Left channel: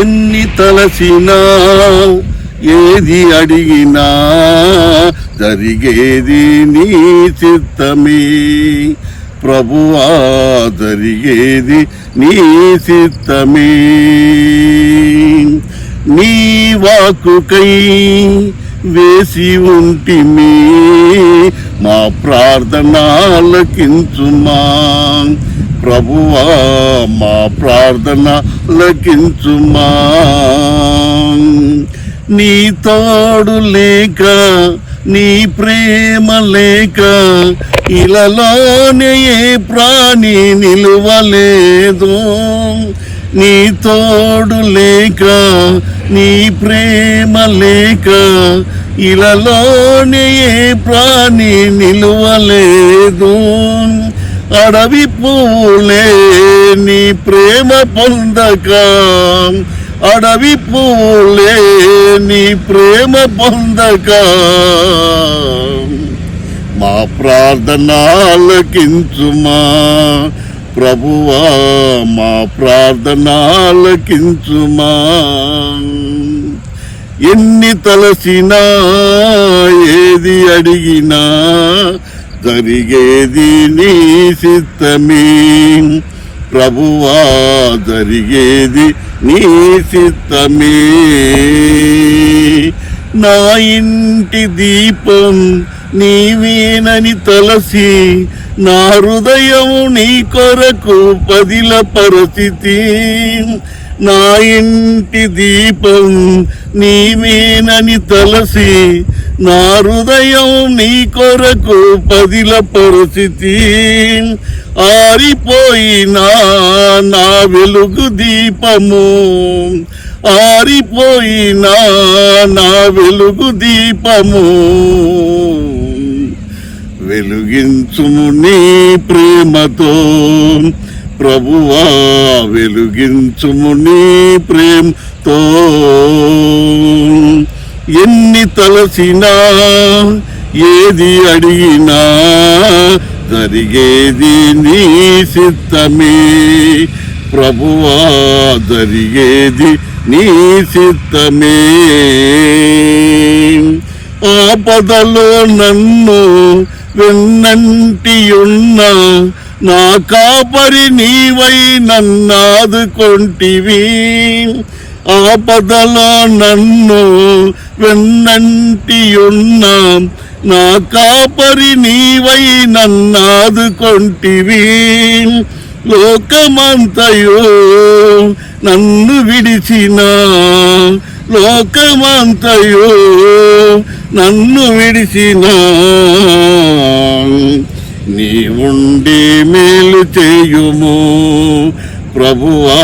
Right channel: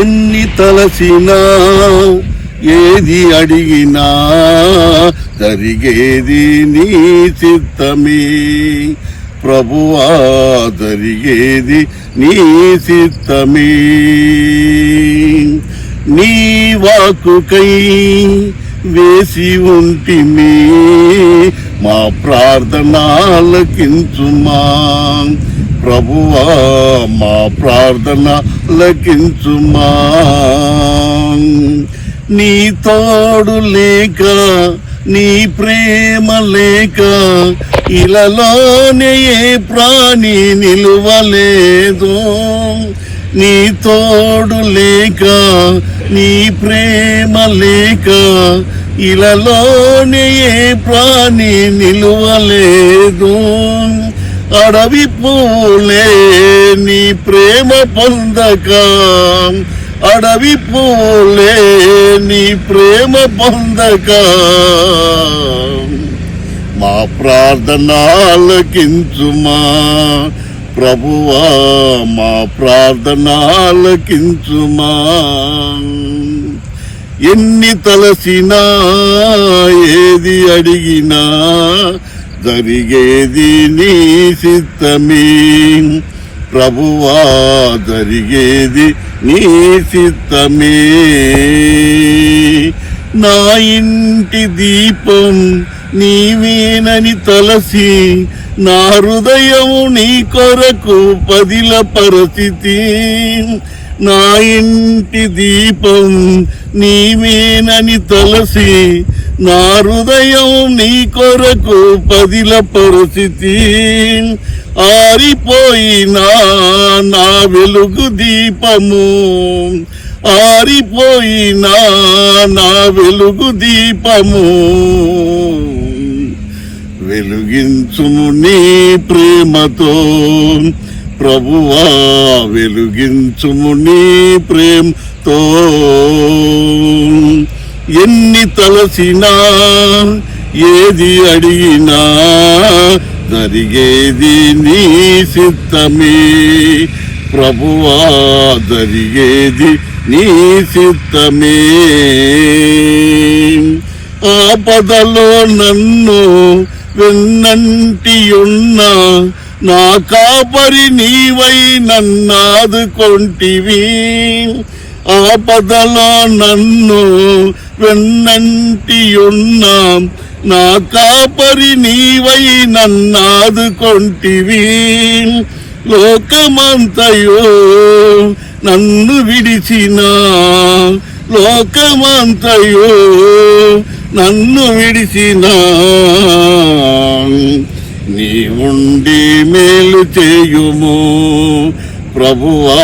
ఎన్ని తలసినా ఏది అడిగినా జరిగేది నీ చిత్తమే ప్రభువా, జరిగేది నీ చిత్తమే. నీ వాక్కుకై వేసి ఉంటిమి, మా ప్రార్థన ఆలకించుమా ప్రభువా, మా ప్రార్థన ఆలకించుమా. నీ తోడు లేక, నీ ప్రేమ లేక ఇలలోనే ఏ ప్రాణి నిలువలేదు. నీ తోడు లేక, నీ ప్రేమ లేక ఇలలోనే ఏ ప్రాణి నిలువలేదు. అడవి పూలే నీ ప్రేమ పొందక, అడవి పూలే నీ ప్రేమ పొందక మా ప్రార్థన ఆలకించుమా ప్రభువా, మా ప్రార్థన ఆలకించుమా. ఎన్ని తలసినా ఏది అడిగినా జరిగేది నీ చిత్తమే ప్రభువా, జరిగేది నీ చిత్తమే. నా ఇంటి దీపం నీవేనని తలసి, నా హృదయము నీ కొరకు పదిల పరిస్థితి. నా ఇంటి దీపం నీవేనని తలసి, నా హృదయం నీ కొరకు పదిల పరిస్థితి. ఆరిపోయినా నా వెలుగు దీపము, ఆరిపోయినా నా వెలుగు దీపము వెలుగించుము నీ ప్రేమతో ప్రభువా, వెలుగించుము నీ ప్రేమతో. ఎన్ని తలసినా ఏది అడిగినా జరిగేది నీ చిత్తమే ప్రభువా, జరిగేది నీ చిత్తమే. ఆపదలో నన్ను వెన్నంటి ఉన్నా నా కాపరి నీవై నన్నాదుకొంటివి. ఆపదలో నన్ను వెన్నంటి ఉన్నా నా కాపరి నీవై నన్నాదుకొంటివి. లోకమంతయు నన్ను విడిచిన, లోకమంతయు నన్ను విడిచిన నీవుండి మేలు చేయుము ప్రభువా,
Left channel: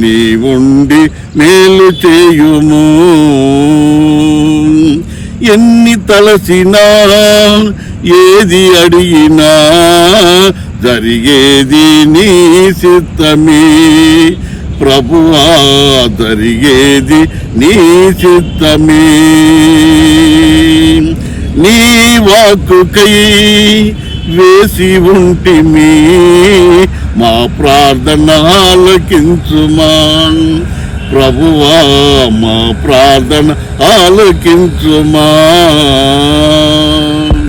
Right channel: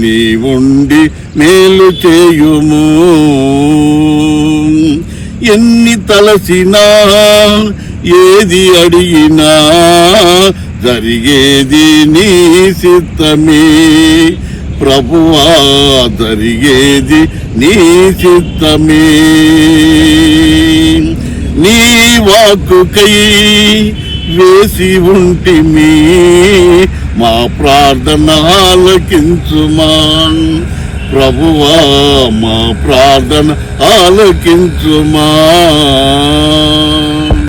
నీవుండి మేలు చేయుము. ఎన్ని తలసినా ఏది అడిగినా జరిగేది నీ చిత్తమే ప్రభువా, జరిగేది నీ చిత్తమే. నీ వాక్కుకై వేసి ఉంటిమి, మా ప్రార్థన ఆలకించుమా ప్రభువా, మా ప్రార్థన ఆలకించుమా.